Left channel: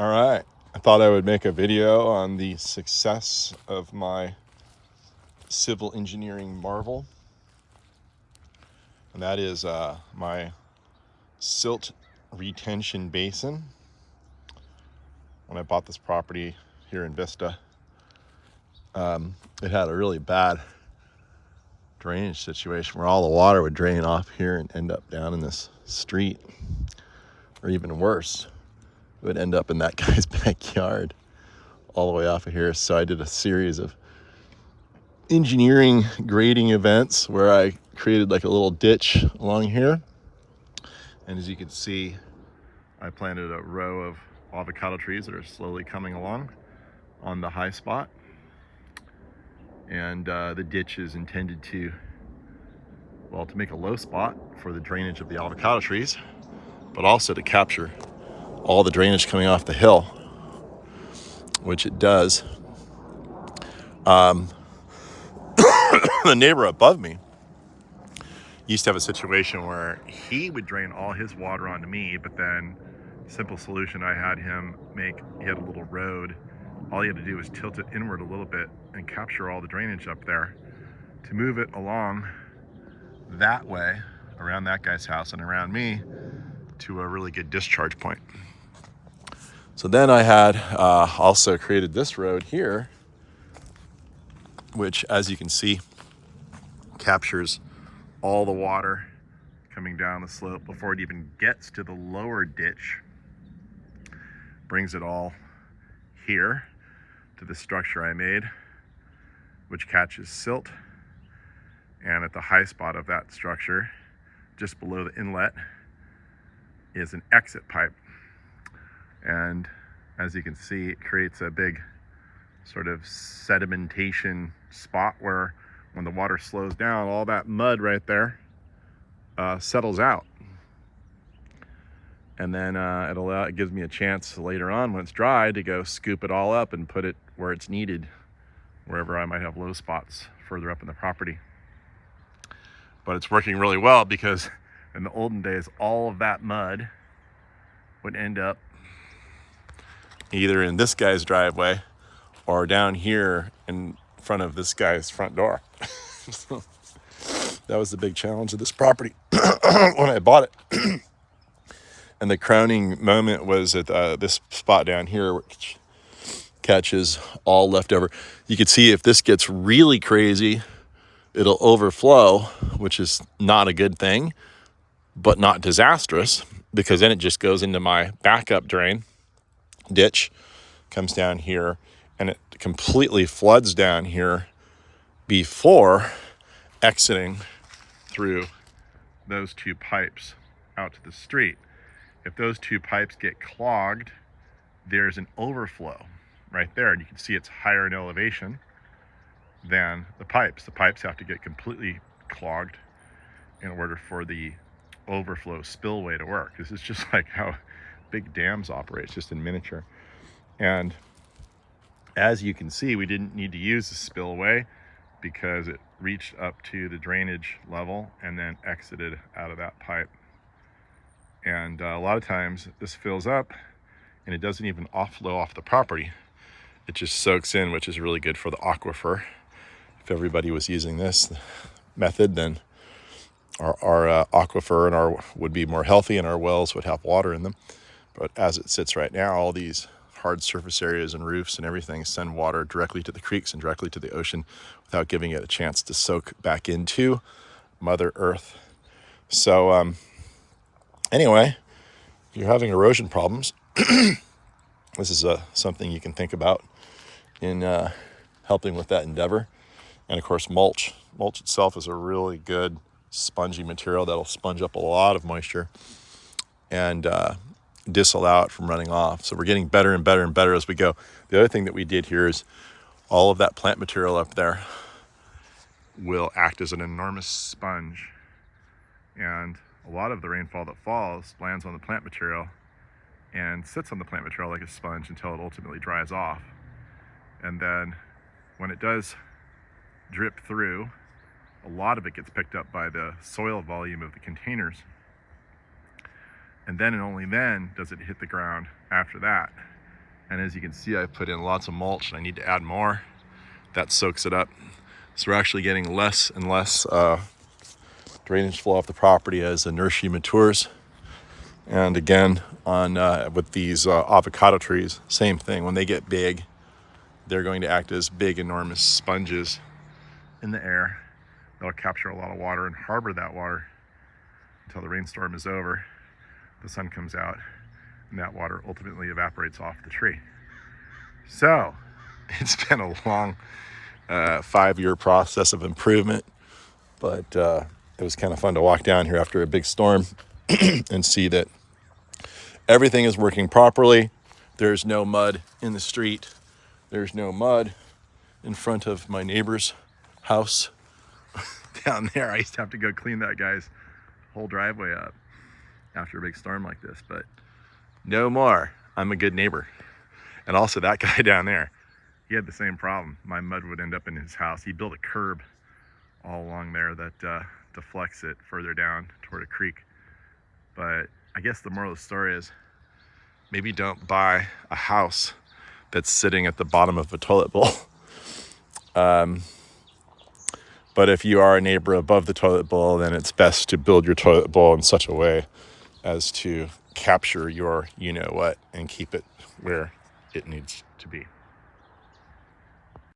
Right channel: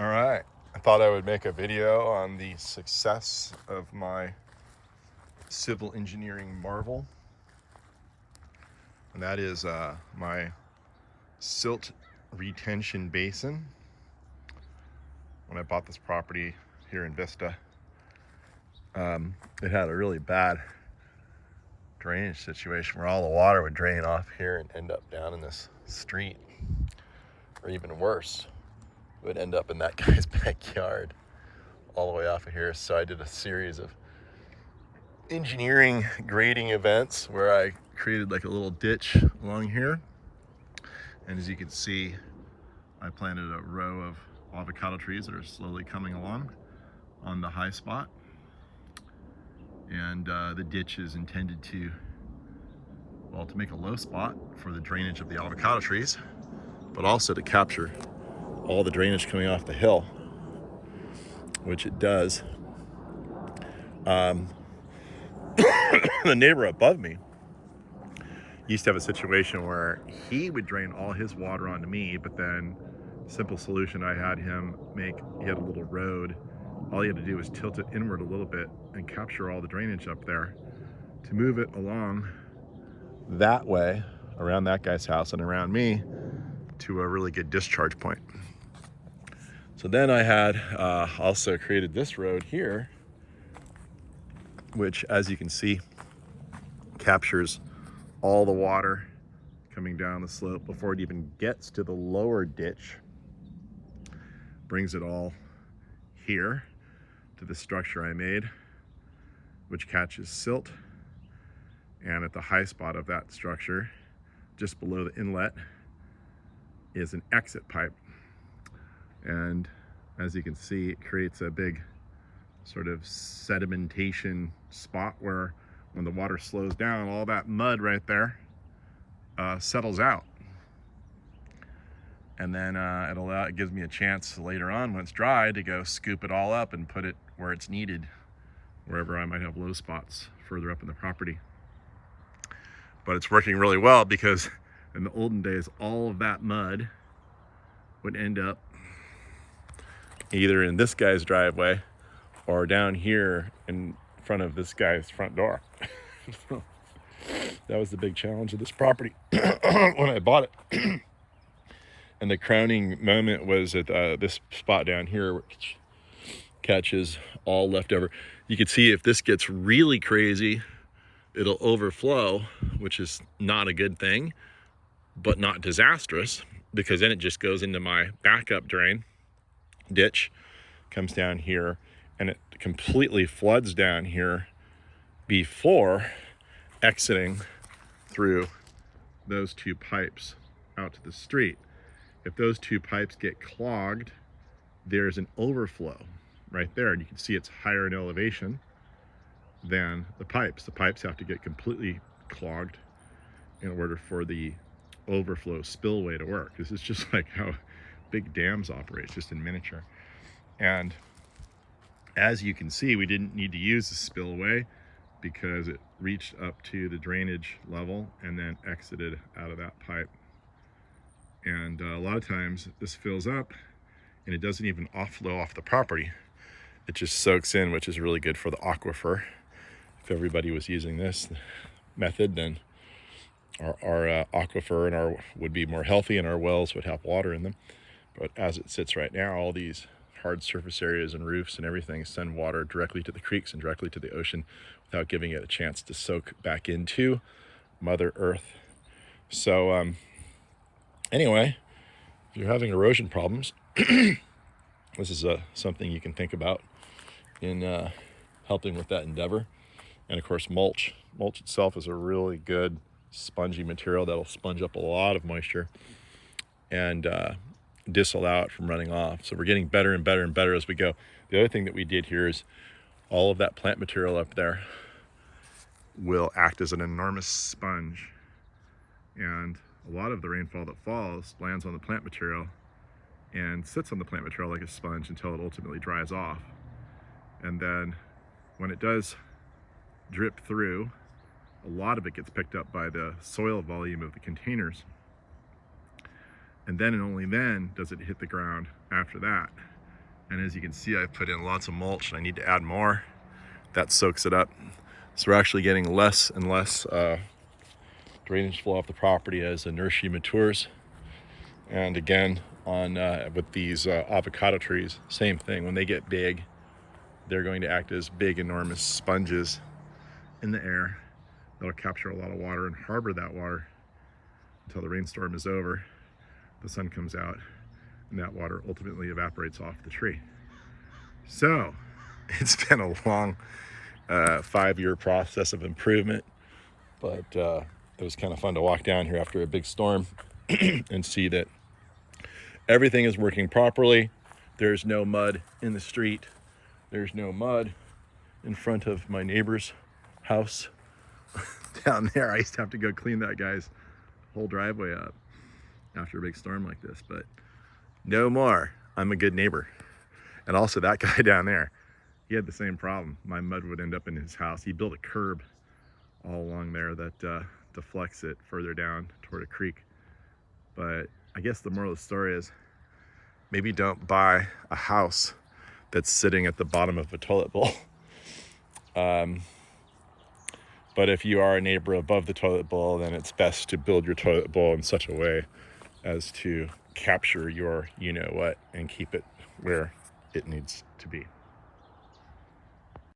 All right, I thought I would make a video on the success of my civil engineering marvel, and that is my silt retention basin. When I bought this property here in Vista, it had a really bad drainage situation where all the water would drain off here and end up down in this street, or even worse, it would end up in that guy's backyard all the way off of here. So I did a series of engineering grading events where I created like a little ditch along here, and as you can see, I planted a row of avocado trees that are slowly coming along on the high spot, and the ditch is intended to make a low spot for the drainage of the avocado trees, but also to capture all the drainage coming off the hill, which it does. The neighbor above me used to have a situation where he would drain all his water onto me, but then simple solution I had him make, he had a little road. All he had to do was tilt it inward a little bit and capture all the drainage up there to move it along that way around that guy's house and around me to a really good discharge point. So then I had also created this road here, which, as you can see, captures all the water coming down the slope before it even gets to the lower ditch, brings it all here to the structure I made, which catches silt. And at the high spot of that structure, just below the inlet, is an exit pipe. And as you can see, it creates a big sort of sedimentation spot where when the water slows down, all that mud right there settles out. And then it gives me a chance later on when it's dry to go scoop it all up and put it where it's needed, wherever I might have low spots further up in the property. But it's working really well because in the olden days, all of that mud would end up either in this guy's driveway or down here in front of this guy's front door. So that was the big challenge of this property when I bought it. And the crowning moment was at this spot down here, which catches all leftover. You can see if this gets really crazy, it'll overflow, which is not a good thing, but not disastrous, because then it just goes into my backup drain ditch, comes down here, and it completely floods down here before exiting through those two pipes out to the street. If those two pipes get clogged, there's an overflow right there, and you can see it's higher in elevation than the pipes. The pipes have to get completely clogged in order for the overflow spillway to work. This is just like how big dams operate, it's just in miniature. And as you can see, we didn't need to use the spillway because it reached up to the drainage level and then exited out of that pipe. And a lot of times this fills up and it doesn't even offlow off the property. It just soaks in, which is really good for the aquifer. If everybody was using this method, then our aquifer and would be more healthy, and our wells would have water in them. But as it sits right now, all these hard surface areas and roofs and everything send water directly to the creeks and directly to the ocean without giving it a chance to soak back into Mother Earth. So anyway, if you're having erosion problems, this is something you can think about in helping with that endeavor. And of course, mulch. Mulch itself is a really good spongy material that'll sponge up a lot of moisture and disallow it from running off. So we're getting better and better and better as we go. The other thing that we did here is all of that plant material up there will act as an enormous sponge. And a lot of the rainfall that falls lands on the plant material and sits on the plant material like a sponge until it ultimately dries off. And then when it does drip through, a lot of it gets picked up by the soil volume of the containers. And then and only then does it hit the ground after that. And as you can see, I've put in lots of mulch and I need to add more. That soaks it up. So we're actually getting less and less drainage flow off the property as the nursery matures. And again, on with these avocado trees, same thing. When they get big, they're going to act as big, enormous sponges in the air. They'll capture a lot of water and harbor that water until the rainstorm is over. The sun comes out and that water ultimately evaporates off the tree. So it's been a long 5-year process of improvement, but it was kind of fun to walk down here after a big storm and see that everything is working properly. There's no mud in the street. There's no mud in front of my neighbor's house. Down there, I used to have to go clean that guy's whole driveway up after a big storm like this, but no more. I'm a good neighbor. And also that guy down there, he had the same problem. My mud would end up in his house. He built a curb all along there that deflects it further down toward a creek. But I guess the moral of the story is maybe don't buy a house that's sitting at the bottom of a toilet bowl. But if you are a neighbor above the toilet bowl, then it's best to build your toilet bowl in such a way as to capture your you-know-what and keep it where it needs to be.